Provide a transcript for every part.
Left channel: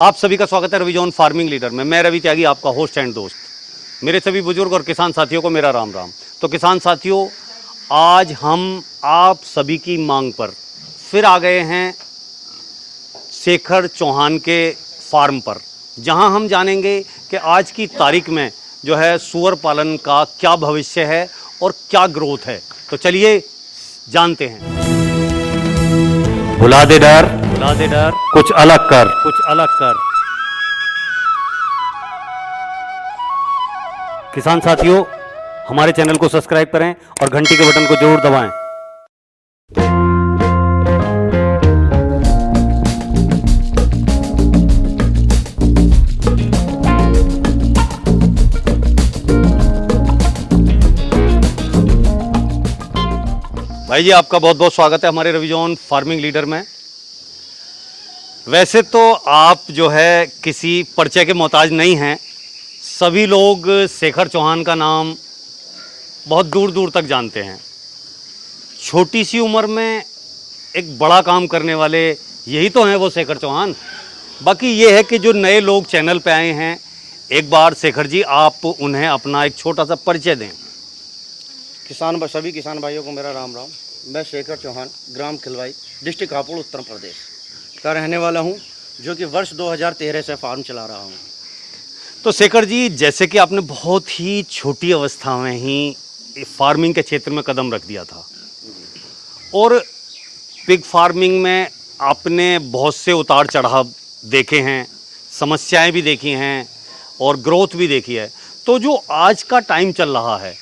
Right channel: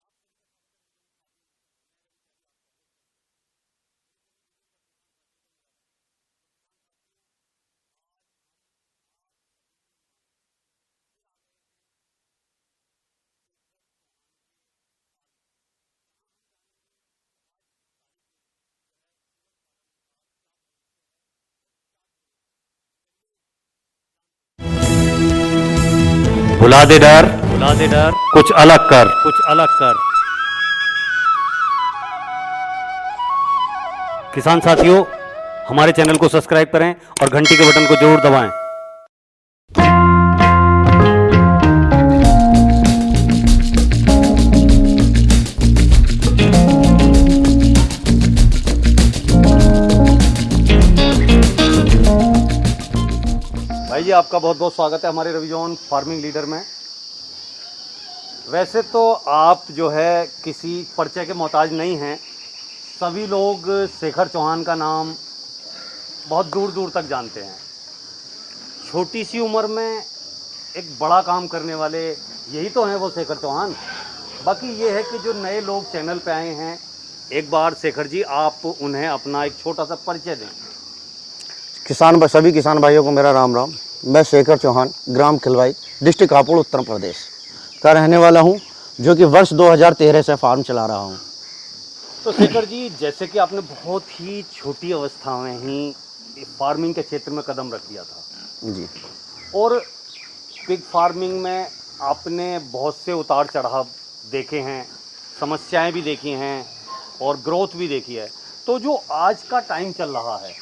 आप सभी का स्वागत है रवि जॉन फार्मिंग लीडर में। मैं रवि त्यागी, आपका होस्ट एंड दोस्त। मेरे सभी बुजुर्ग और किसान साथियों को मेरा राम राम। तो किसान साथियों, आज हम आप सभी की मांग पर फिर आ गए हैं शेखर चौहान के फार्म पर, जहां हम जानेंगे कि आज की तारीख में जो है सूअर पालन का क्या भविष्य है और क्या ग्रोथ है। तो चलिए जानते हैं। भुला दे डर, भुला दे डर, कुछ अलग कर। कुछ अलग कर। किसान साथियों, हमारे चैनल को सब्सक्राइब करें और घंटी के बटन को जरूर दबाएं। भाई जी, आपका बहुत बहुत स्वागत है हमारे रवि जॉन फार्मिंग लीडर में। वैसे तो आप जो है किसी परिचय के मोहताज नहीं हैं। सभी लोग शेखर चौहान का नाम बहुत दूर दूर तक जानते हैं। छोटी सी उम्र में एक बड़ा काम करने वाले यही तो हैं वो शेखर चौहान। बाकी ये है कि जो नए लोग चैनल पे आए हैं, एक बार शेखर जी आप उन्हें अपना एक छोटा सा परिचय दें। सभी किसान भाइयों को मेरा राम राम। मैं शेखर चौहान, ग्राम खिलवाई, डिस्ट्रिक्ट हापुड़, उत्तर प्रदेश का रहने वाला हूं, जो कि वर्ष 2013 से फार्म चला रहा हूं। तो शेखर जी, जैसे कि आपने बहुत ही छोटी अवस्था में ही फार्मिंग के क्षेत्र में कदम रख दिया था जी, और पिग फार्मिंग में आपने बहुत से उतार चढ़ाव देखे हैं, समस्याएं भी देखी हैं और ग्रोथ भी देखी है। तो जो आज का टाइम चल रहा है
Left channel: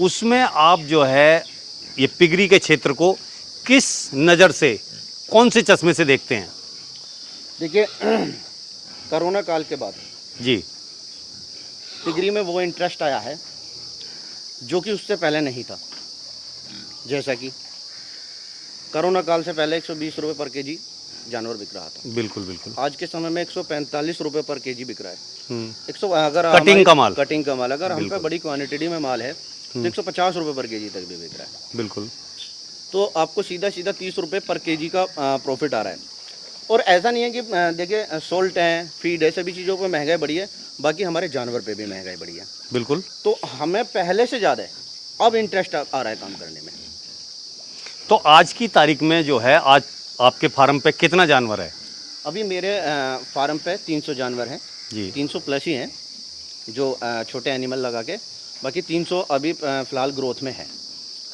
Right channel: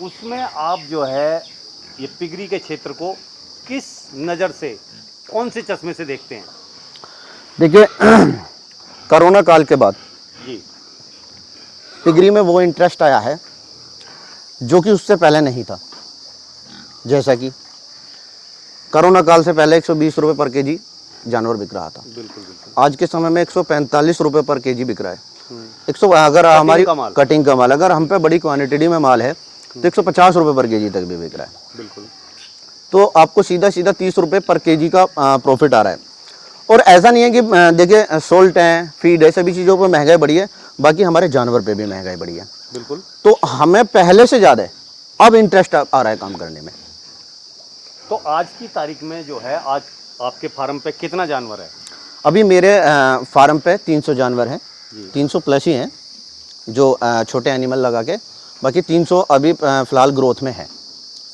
उसमें आप जो है ये पिगरी के क्षेत्र को किस नज़र से, कौन से चश्मे से देखते हैं? देखिए कोरोना काल के बाद जी, पिगरी में वो इंटरेस्ट आया है जो कि उससे पहले नहीं था। जैसा कि कोरोना काल से पहले 120 रुपये पर केजी जानवर बिक रहा था। बिल्कुल बिल्कुल। आज के समय में 145 रुपये पर केजी बिक रहा है। 100 अगर कटिंग हमारी का माल। कटिंग का माल अगर हम पे बड़ी क्वांटिटी में माल है तो 150 रुपये पर केजी तक भी बिक रहा है। बिल्कुल। तो आपको सीधा 30 रुपये पर केजी का प्रॉफिट आ रहा है। और ऐसा नहीं है कि देखिए सोल्ट है, फीड है, सभी चीज़ों पर महंगाई बढ़ी है, बाकी हमारे जानवर पे भी महंगाई बढ़ी है। बिल्कुल। तो हमें पहले से ज़्यादा अब इंटरेस्ट आ रहा है काम करने में। तो आज की तारीख में जो है, आज आपके फार्म पे कितना जानवर है? अभी मेरे फार्म पे 300 जानवर हैं जी। 300 प्लस ही हैं जो छोटे एनिमल लगा के, बाकी 300 अभी फ़िलहाल ग्रोथ में है।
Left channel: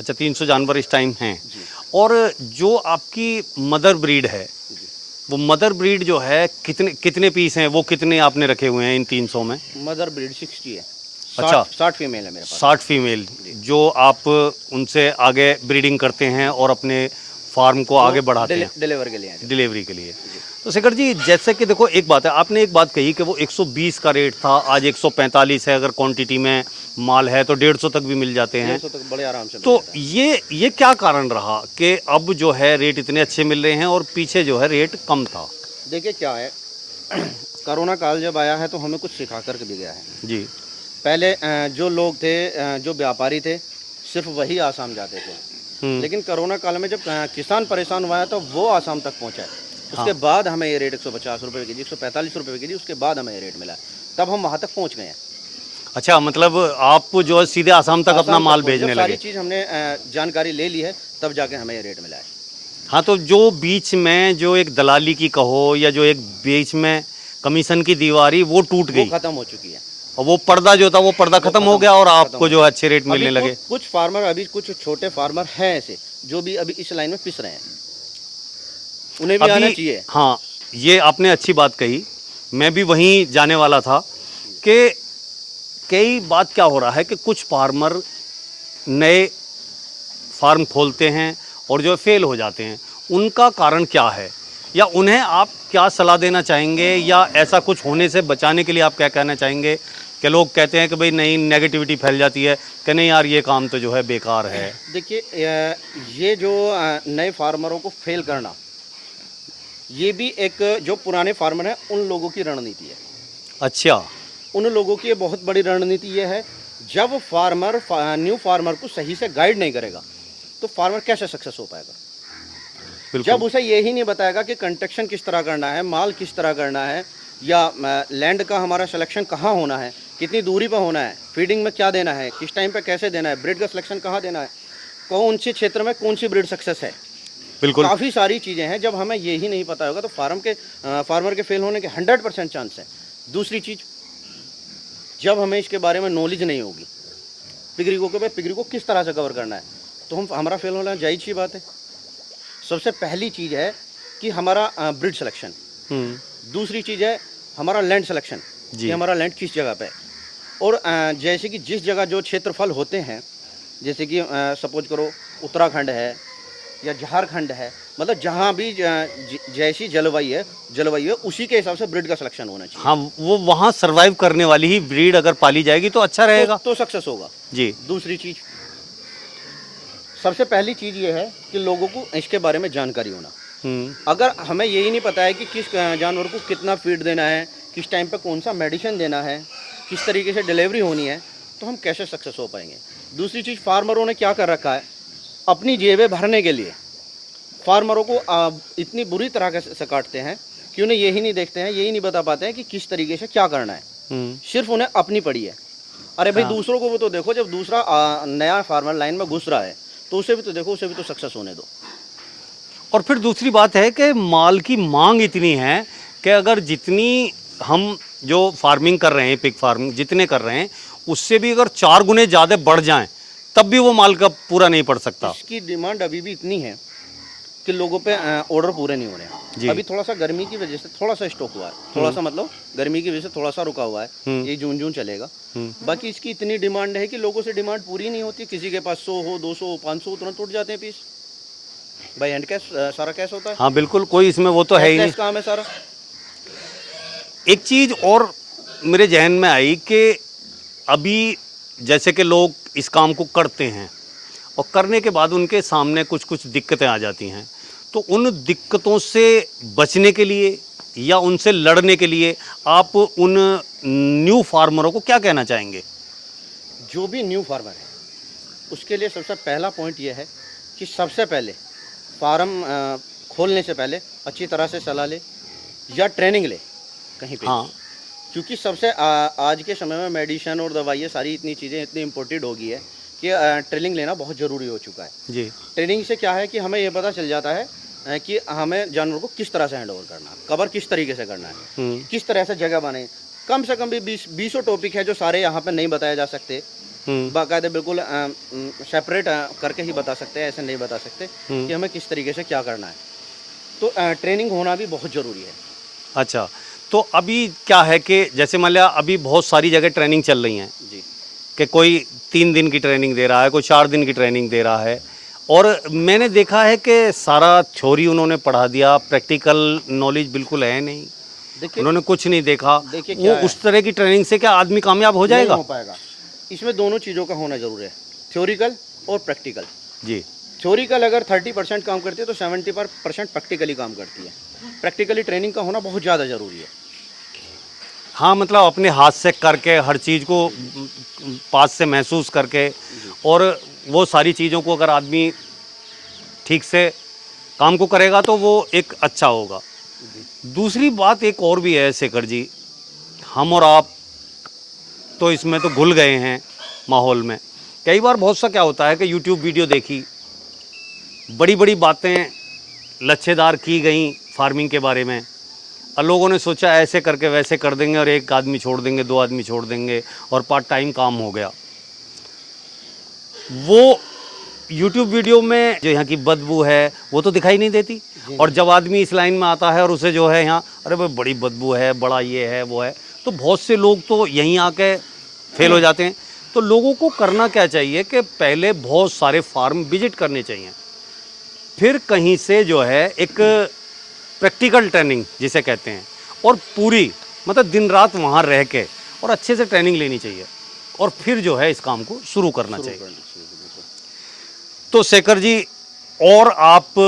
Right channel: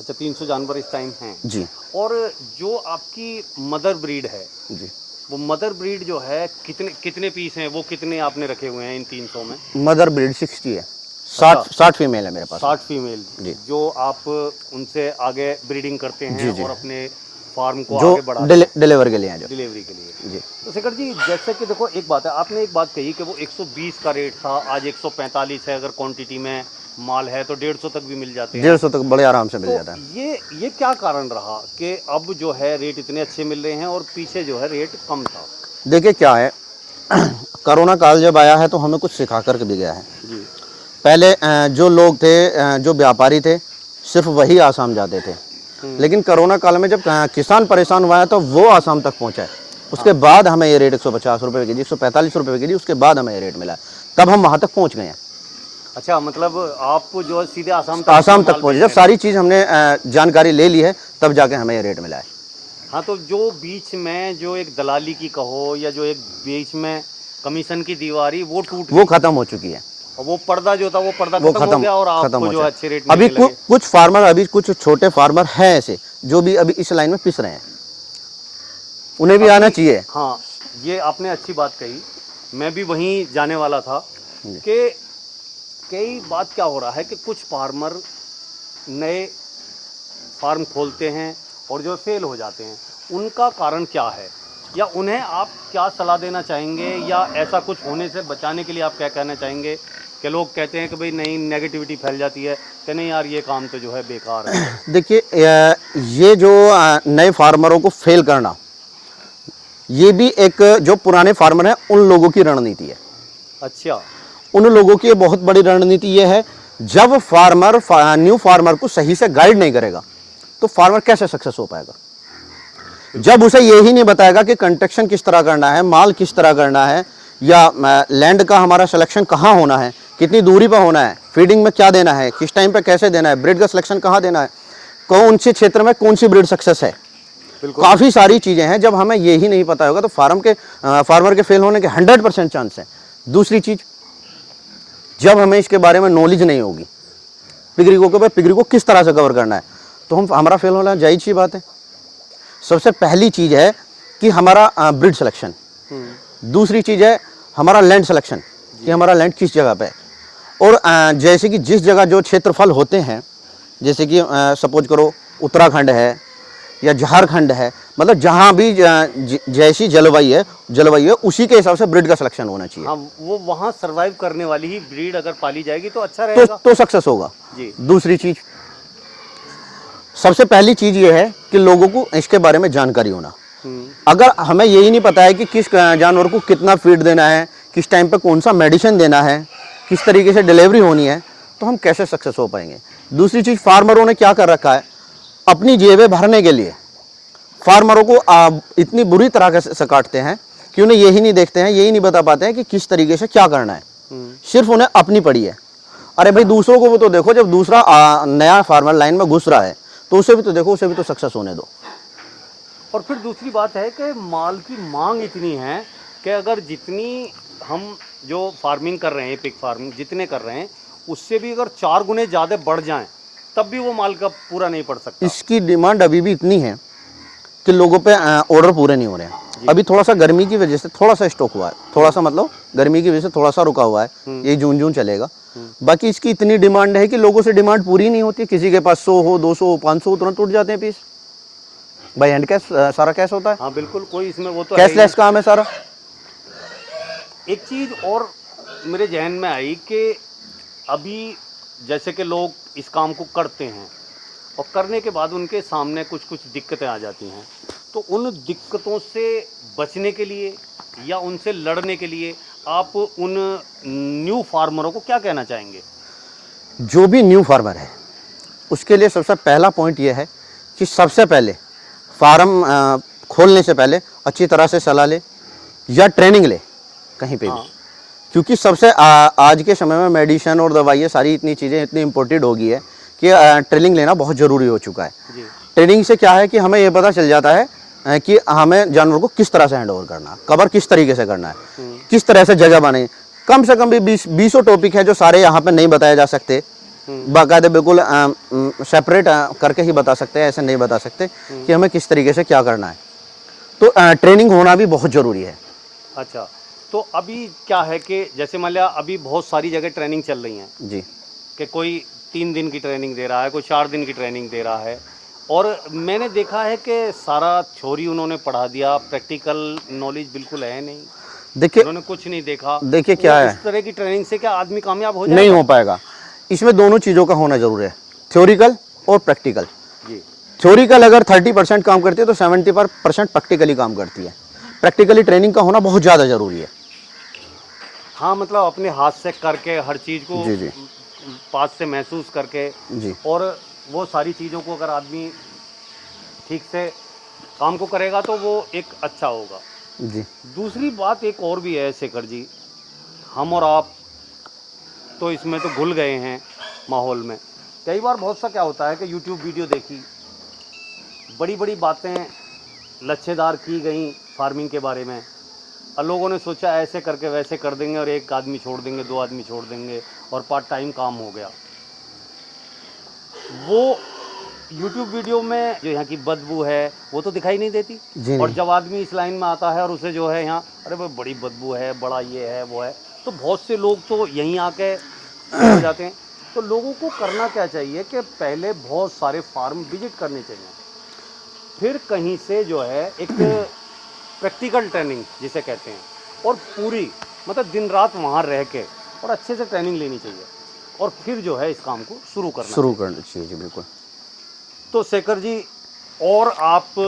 अच्छा, 300 जानवर इस टाइम हैं जी। और जो आपकी मदर ब्रीड है, जी, वो मदर ब्रीड जो है कितने पीस हैं? वो कितने आपने रखे हुए हैं इन 300 में? मदर ब्रीड 60 है। 60 फीमेल है मेरे पास। 60 फीमेल जो आप उनसे आगे ब्रीडिंग करते हैं और अपने फार्म को आगे बढ़ाते हैं डिलीवर के लिए हैं जो। डिलीवरी के लिए। जी। तो शेखर जी, जैसे कि देखो, एक बात है, आपने एक बात कही कि वो 120 का रेट था, आज 145 है। अगर क्वांटिटी में माल है तो 150 तक भी मिल जाते हैं। 150 तक बड़े आराम से मिल तो जाता है। ये क्या कारण रहा कि अब जो है रेट इतने अच्छे मिल रहे हैं और पीछे जो है रेट कम था? देखिए क्या है कोरोना काल जब आया है तो हमें कुछ सिखा कर भी गया है। जी। पहले जो लोग थे, जो व्यापारी थे, सिर्फ वही आसाम जाते थे। लेकिन कोरोना काल में जब किसान परेशान हुआ है तो वो आसाम तक पहुंचा है। उसके बाद हमें ये रेट 150 रुपये के जी, 145 रुपये के जी, उसके बाद हमें ये रेट मिला। तब हम वहाँ तक पहुँच गए हैं। अच्छा, मतलब आप जो है सीधे आसाम तक अपना माल पहुंचे। भेजने जब सारी चीज़ हमने जानकारी ले ली है तब जाके हमें ये रेट मिला है। हाँ, तो जो बीच में जो एक दलाली की कहो या जो एक बीच में कमीशन की दीवारी, वो टूट गई, वो खत्म हो चुकी है। और वो पर्दा जो था वो पर्दा खत्म हो गया और आपको जो अच्छे रेट मिलने अभी लगे। कुछ फार्मर, अभी कुछ छोटे फार्मर हैं ऐसे जो भी अभी इस लाइन में पिस रहे हैं, उन्हें भी आना चाहिए। हाँ, ये आपने अच्छी बात कही। मैं भी वहीं जाने वाला था कि कई बात क्या हो रहा है कि कुछ फार्मर नए फार्म खोलते हैं और जो फेल हो जाते हैं। उनका कारण क्या है, या उन्हें आप क्या सलाह देना चाहेंगे, या ऐसा कुछ होने से बचाने के लिए आप क्या कहना चाहेंगे? कि लोग कहते हैं कि भाई नहीं, नेगेटिविटी फैल जाती है कि नहीं यार ये काम तो जो है बेकार है। देखिए ये जो नए फार्मरों को फेल करना, ये भी एक जो पुराने फार्मर हैं उन लोगों की रणनीति है। अच्छा। उन लोगों की बहुत बड़ी रणनीति ये है, जब फार्मर न्यू फार्मर को सही से गाइड नहीं करेगा तो फार्मर कैसे सक्सेस हो पाएगा। जब उसे यही नहीं बताएगा कि कंस्ट्रक्शन किस तरह करना है, माल किस तरह करना है, या लैंड का हमारा सिलेक्शन कहाँ होना है, कितनी दूरी पर होना है, फीडिंग में क्या देना है, किस टाइम पे कैसे देना है, ब्रीड का सिलेक्शन कहाँ देना है, कौन से क्षेत्र में कौन सी ब्रीड सक्सेस है, बिल्कुल काफ़ी सारी चीज़ें हैं। जब हमें यही नहीं पता होगा तो फार्मर के फेल होने के 100% चांस है। दूसरी चीज़, जब हमें इसके बारे में नॉलेज नहीं होगी पिगरी को किस तरह से कवर करना है, तो हमारा फेल होना जायज़ सी बात है। सबसे पहली चीज़ है कि हमारा ब्रीड सिलेक्शन, दूसरी चीज़ है हमारा लैंड सिलेक्शन कि हमारा लैंड किस जगह पे है। और जैसे कि जिस जगह जो क्षेत्रफल होते हैं, जैसे कि सपोज करो उत्तराखंड है या झारखंड है, मतलब जहाँ भी जैसी जलवायु है उसी के हिसाब से ब्रीड का सिलेक्शन होना चाहिए। हाँ, वो वहाँ सरवाइव करने वाली ही ब्रीड अगर पाली जाएगी तो अच्छा रहेगा, तो सक्सेस होगा जी। दूसरी चीज़, सबसे पहली चीज़ ये है कि लोगों को इसके बारे में जानकारी होना। अगर हमें यही नहीं पता है कि किस जानवर को कितना फीड देना है, किस टाइम पे कौन सा मेडिसिन देना है, किस तरीके से डिलीवरी होनी है, तो हम कैसे सक्सेस हो पाएंगे। दूसरी चीज़, फार्मरों ने क्या कर रखा है, अपनी जेबें भरने के लिए फार्मरों को इतनी बुरी तरह से काटते हैं कि उन्हें यही नहीं देखते हैं, यही नहीं बता पाते हैं कि किस तरीके से क्या करना है। सिर्फ उन्हें अपनी पड़ी है। अरे भाई दूसरों को भी तो देखो, जब दूसरा नया फार्मर लाइन में घुस रहा है तो उसे भी तो देखो, उसे भी तो सक्सेस होने दो। और फिर दूसरी बात है कि माल की मांग इतनी है कि अगर जितनी हम जो फार्मिंग कर रहे हैं, पिग फार्मिंग जितने कर रहे हैं, उससे भी अगर 4 गुने ज़्यादा बढ़ जाएं तब भी वो माल का पूरा नहीं पड़ सकता। इसकी डिमांड अभी भी इतनी है कि लोगों पे ऑर्डर पूरे नहीं हो रहे हैं। अभी थोड़ा सा गर्मी की वजह से थोड़ा सा स्टॉक हुआ है, थोड़ा सा मतलब गर्मी की वजह से थोड़ा सा रुका हुआ है, ये जून चलेगा। बाकी इसकी इतनी डिमांड है कि लोगों से डिमांड पूरी नहीं होती। किसी के पास 100 हो, 200 हो, 500 हो, तुरंत टूट जाते हैं पीस। भाई हैंड कैश, सारा कैश होता है। हाँ बिल्कुल, कोई इसमें वो तो है ही कैश काम है सारा। एक चीज़ और मेरे जहन में आई कि अभी जैसे कि लोग इस काम को करते हैं और करने के बाद उनके सामने कुछ कुछ दिक्कतें आ जाती हैं, तो उन दिक्कतों से बचने के लिए या उनसे लड़ने के लिए आप उन न्यू फार्मरों को क्या कहना चाहेंगे? जो भी न्यू फार्मर है उसके लिए सबसे पहला पॉइंट ये है कि सबसे पहले फार्म खोलने से पहले अच्छी तरह से सलाह ले या ट्रेनिंग ले कहीं पे। हाँ। क्योंकि सबसे आज के समय में मेडिसिन और दवाइयाँ सारी इतनी चीज़ें इतनी इम्पोर्टेड हो गई है कि ट्रेनिंग लेना बहुत ज़रूरी हो चुका है। जी। ट्रेनिंग से क्या है कि हमें ये पता चल जाता है कि हमें जानवर को किस तरह से हैंड ओवर करना है, कवर किस तरीके से करना है, किस तरह से जगह बनाए। कम से कम भी 20 टॉपिक है जो सारे यहाँ पे नहीं बताए जा सकते, बाकायदे बिल्कुल सेपरेट करके ही बता सकते हैं, ऐसे नहीं बता सकते कि हमें किस तरीके से क्या करना है। तो ट्रेनिंग होना भी बहुत ज़रूरी है। अच्छा, तो अभी क्या है कि जैसे मान लिया अभी बहुत सारी जगह ट्रेनिंग चल रही हैं जी, कि कोई 3 दिन की ट्रेनिंग दे रहा है, कोई 4 दिन की ट्रेनिंग दे रहा है, और मैंने देखा है कि सारा थ्योरी उन्होंने पढ़ा दिया, प्रैक्टिकल नॉलेज बिल्कुल है नहीं। देखिए उन्होंने कुछ नहीं देखा। देखिए क्या है, इस तरह की ट्रेनिंग से क्या आदमी कामयाब हो जाएगा? नहीं हो पाएगा। इसमें दोनों चीज़ों का होना जरूरी है, थ्योरिकल और प्रैक्टिकल। जी। थ्योरिकल अगर 30% काम करती है तो 70% प्रैक्टिकली काम करती है। प्रैक्टिकली ट्रेनिंग का होना बहुत ज़्यादा ज़रूरी है। हाँ, मतलब अपने हाथ से करके हर चीज़ को जी, जी। पास से महसूस करके, जी। और वो सारी चीज़ों को अगर आदमी ठीक से काम को करेगा तो वो एक अच्छा होगा। जी दूसरी बात एक और भी है शेखर जी, हम और आप तो इसमें तो घुल गए हैं माहौल में। कई बार बहुत सा क्या होता है कि यूट्यूब वीडियो देखी, बड़ी बड़ी बातें लच्छेदार की गई फार्मिंग के बारे में, और लोगों ने सोचा ऐसे करके वैसे कर देंगे और 1 आदमी छोड़ देंगे, 2 आदमी छोड़ देंगे और पार्ट टाइम काम हो गया। वो यूट्यूब वीडियो में जो यहाँ की बदबू है वो तो दिखाई नहीं देती, और जब आदमी इस लाइन में आता है और उसे जो है यहाँ अरे भाई बड़ी बदबू है, बड़ा ये है वो है, तो बहुत से लोग तो यहीं आके फेल हो जाते हैं। तो लोगों को करना क्या चाहिए कि पहले बहुत सारे फार्म विजिट करने चाहिए, फिर कहीं से जो है एक प्रैक्टिकल ट्रेनिंग जिसे कहते हैं, और पूरी मतलब दिन रात वहाँ रह के और अच्छे से ट्रेनिंग लेनी चाहिए, और फिर जो है इस काम को शुरू करना चाहिए। बिल्कुल। तो शेखर जी, और आप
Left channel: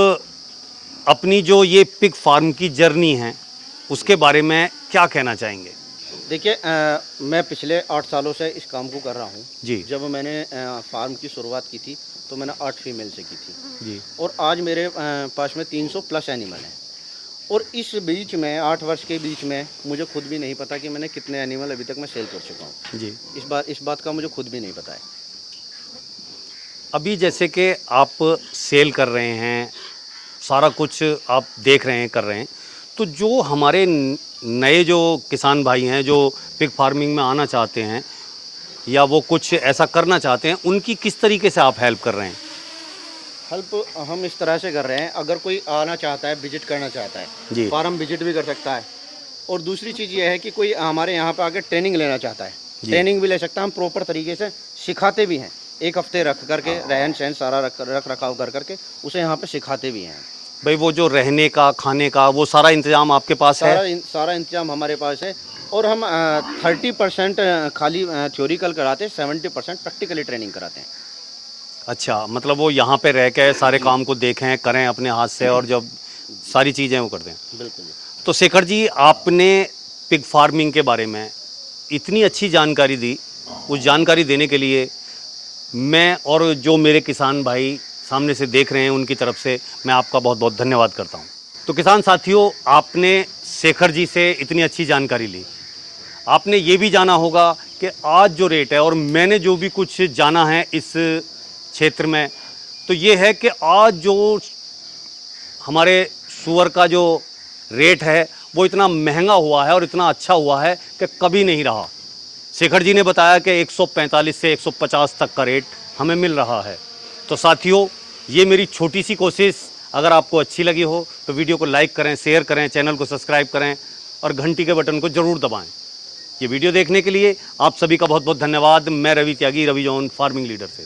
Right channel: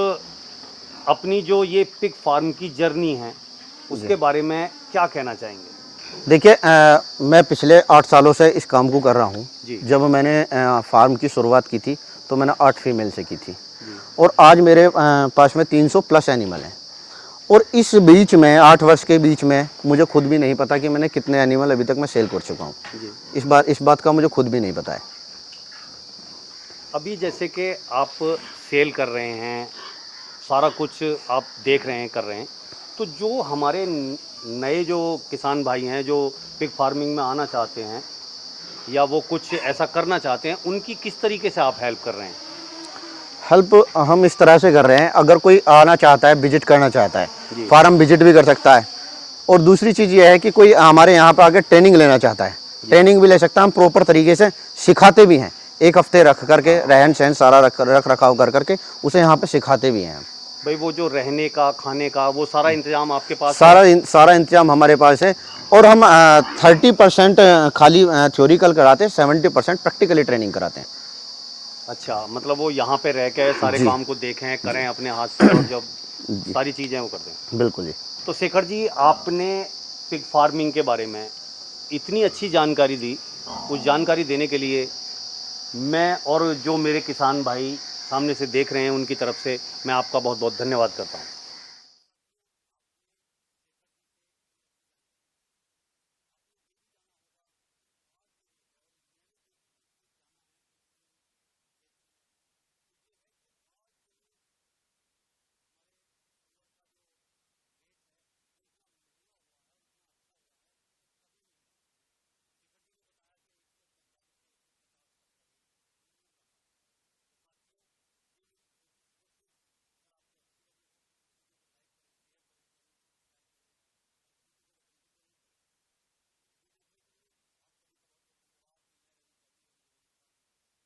अपनी जो ये पिग फार्म की जर्नी है उसके बारे में क्या कहना चाहेंगे? देखिए मैं पिछले 8 सालों से इस काम को कर रहा हूँ जी। जब मैंने फार्म की शुरुआत की थी तो मैंने 8 फीमेल से की थी जी। और आज मेरे पास में 300 प्लस एनिमल हैं और इस बीच में 8 वर्ष के बीच में मुझे खुद भी नहीं पता कि मैंने कितने एनिमल अभी तक मैं सेल कर चुका हूँ। जी। इस बात का मुझे खुद भी नहीं पता है। अभी जैसे कि आप सेल कर रहे हैं, सारा कुछ आप देख रहे हैं, कर रहे हैं, तो जो हमारे नए जो किसान भाई हैं जो पिग फार्मिंग में आना चाहते हैं या वो कुछ ऐसा करना चाहते हैं, उनकी किस तरीके से आप हेल्प कर रहे हैं? हेल्प हम इस तरह से कर रहे हैं, अगर कोई आना चाहता है, विजिट करना चाहता जी। है, फार्म विजिट भी कर सकता है। और दूसरी चीज़ ये है कि कोई हमारे यहाँ पे आके ट्रेनिंग लेना चाहता है, ट्रेनिंग भी ले सकता है। हम प्रॉपर तरीके से सिखाते भी हैं, 1 हफ्ते रख करके रहन सहन सारा रख रखाव कर करके उसे यहाँ पे सिखाते भी हैं। भाई वो जो रहने का, खाने का, वो सारा इंतजाम आपके पास है? सारा इंतजाम हमारे पास है। और हम 30% खाली थ्योरिकल कराते हैं, 70% प्रैक्टिकली ट्रेनिंग कराते हैं। अच्छा, मतलब वो यहाँ पे रह के सारे काम को देखें, करें अपने हाथ से और जब सारी चीज़ें वो करते हैं। बिल्कुल जी। तो शेखर जी, आपने पिग फार्मिंग के बारे में इतनी अच्छी जानकारी दी, उस जानकारी देने के लिए मैं और जो मेरे किसान भाई सामने से देख रहे हैं उनकी तरफ से मैं आपका बहुत बहुत धन्यवाद करता हूं। तो किसान साथियों, आपने शेखर जी से इतनी अच्छी जानकारी ली। आपने ये भी जाना होगा कि आज जो रेट है, और मैंने जो भी कुछ जाना है इस क्षेत्र में, तो ये है कि आज जो हमारे सूअर का जो रेट है वो इतना महंगा हुआ है और इतना अच्छा हुआ है कि कभी नहीं रहा। शेखर जी ने बताया कि 145 से 150 तक का रेट हमें मिल रहा है। तो साथियों, ये मेरी छोटी सी कोशिश अगर आपको अच्छी लगी हो तो वीडियो को लाइक करें, शेयर करें, चैनल को सब्सक्राइब करें और घंटी के बटन को ज़रूर दबाएं। ये वीडियो देखने के लिए आप सभी का बहुत बहुत धन्यवाद। मैं रवि त्यागी, रवि जॉन फार्मिंग लीडर से।